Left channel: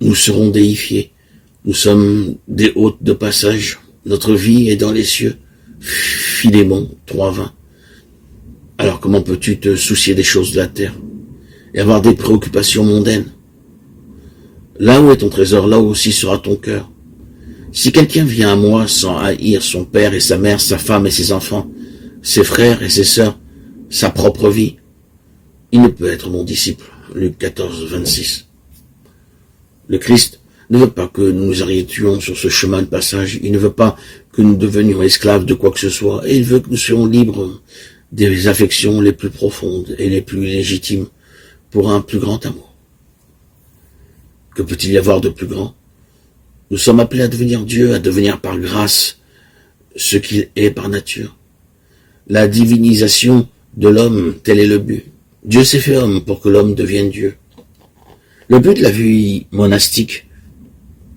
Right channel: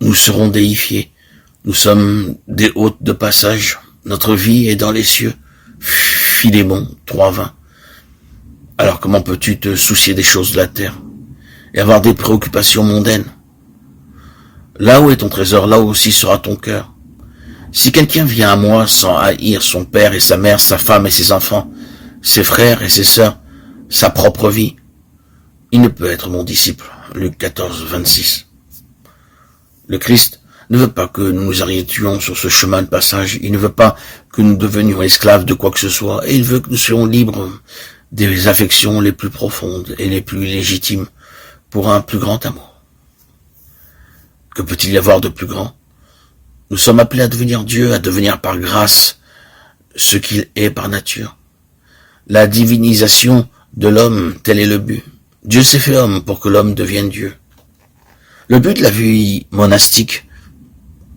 nous serons déifiés. Nous sommes des hôtes de passage. Notre vie est dans les cieux. Philémon 3:20. Alors comment peux-tu te soucier des choses de la terre et avoir des préoccupations mondaines? Là où est ton trésor, là aussi sera ton cœur. Si quelqu'un vient à moi sans haïr son père et sa mère, sa femme et ses enfants, ses frères et ses sœurs, sa propre vie, il ne peut être mon disciple. Luc 14:26. Le Christ ne veut pas que nous nous arrêtions sur ce chemin de passage. Il ne veut pas que nous devenions esclaves de quoi que ce soit. Et il veut que nous soyons libres des affections les plus profondes et les plus légitimes pour un plus grand amour. Que peut-il y avoir de plus grand? Nous sommes appelés à devenir Dieu, à devenir par grâce ce qu'il est par nature. La divinisation de l'homme, tel est le but. Dieu s'est fait homme pour que l'homme devienne Dieu. Le but de la vie monastique,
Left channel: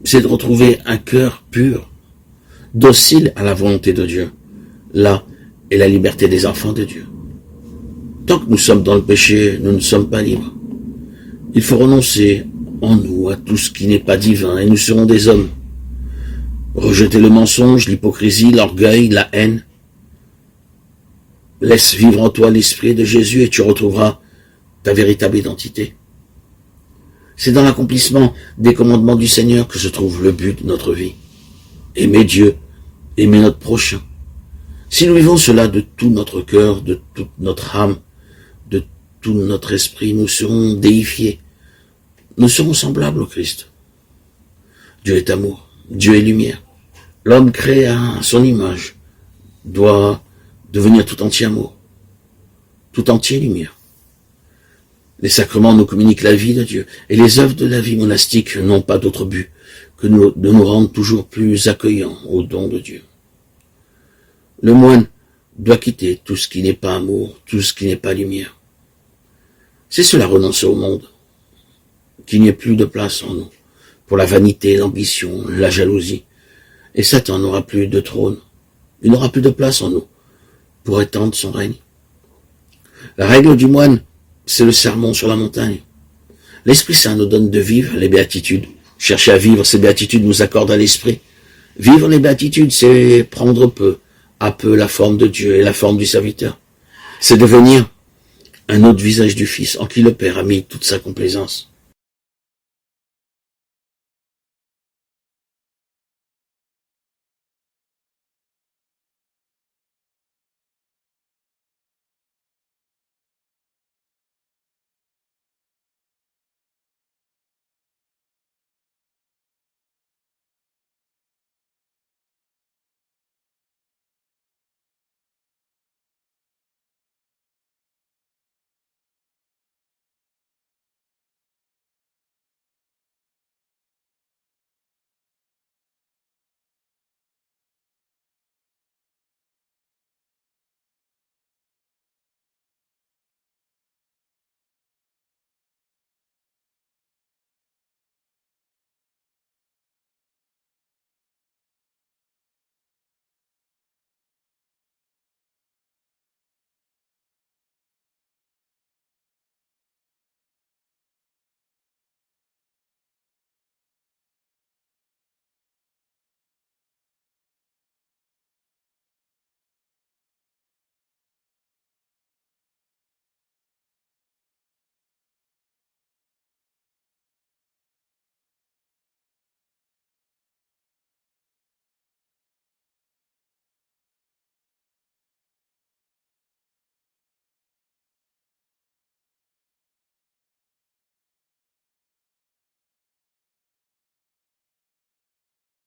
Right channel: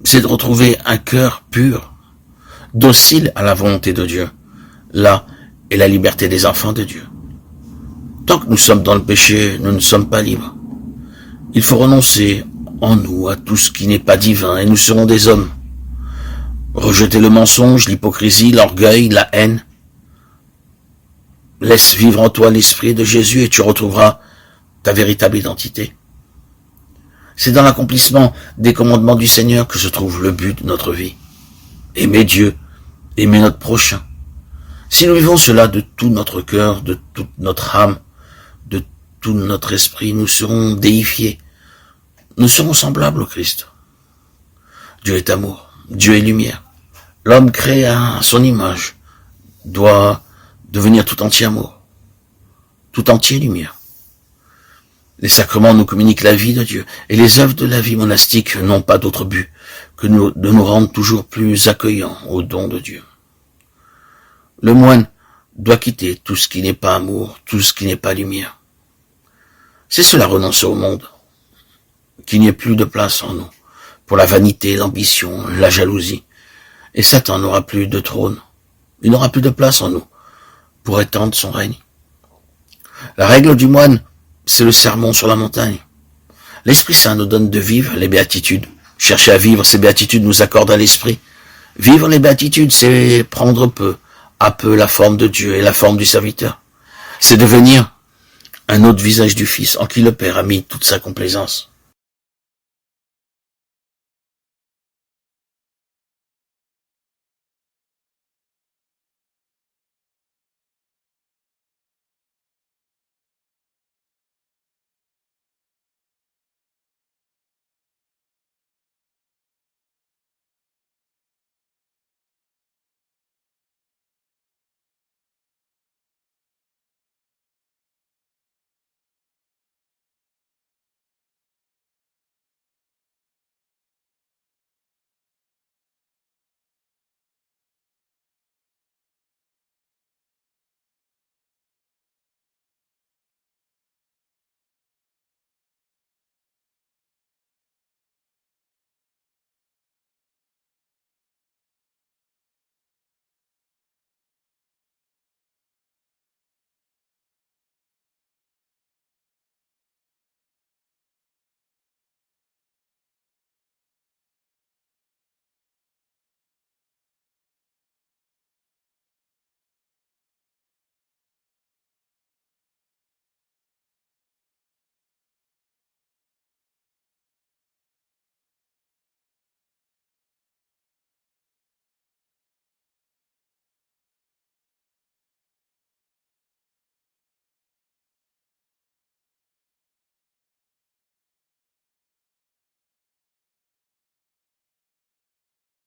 c'est de retrouver un cœur pur, docile à la volonté de Dieu. Là est la liberté des enfants de Dieu. Tant que nous sommes dans le péché, nous ne sommes pas libres. Il faut renoncer en nous à tout ce qui n'est pas divin et nous serons des hommes. Rejetez le mensonge, l'hypocrisie, l'orgueil, la haine. Laisse vivre en toi l'esprit de Jésus et tu retrouveras ta véritable identité. C'est dans l'accomplissement des commandements du Seigneur que se trouve le but de notre vie. Aimer Dieu, aimer notre prochain. Si nous vivons cela de tout notre cœur, de toute notre âme, de tout notre esprit, nous serons déifiés. Nous serons semblables au Christ. Dieu est amour, Dieu est lumière. L'homme créé à son image doit devenir tout entier amour, tout entier lumière. Les sacrements nous communiquent la vie de Dieu, et les œuvres de la vie monastique n'ont pas d'autre but que de nous rendre toujours plus accueillants au don de Dieu. Le moine doit quitter tout ce qui n'est pas amour, tout ce qui n'est pas lumière. C'est cela renoncer au monde, qu'il n'y ait plus de place en nous pour la vanité, l'ambition, la jalousie. Et Satan n'aura plus de trône, il n'aura plus de place en nous pour étendre son règne. La règle du moine, c'est le sermon sur la montagne. L'Esprit Saint nous donne de vivre les béatitudes. Chercher à vivre ces béatitudes nous accorde à l'Esprit. Vivre les béatitudes, c'est prendre peu à peu la forme de Dieu et la forme du serviteur. C'est devenir un autre visage du Fils en qui le Père a mis toute sa complaisance.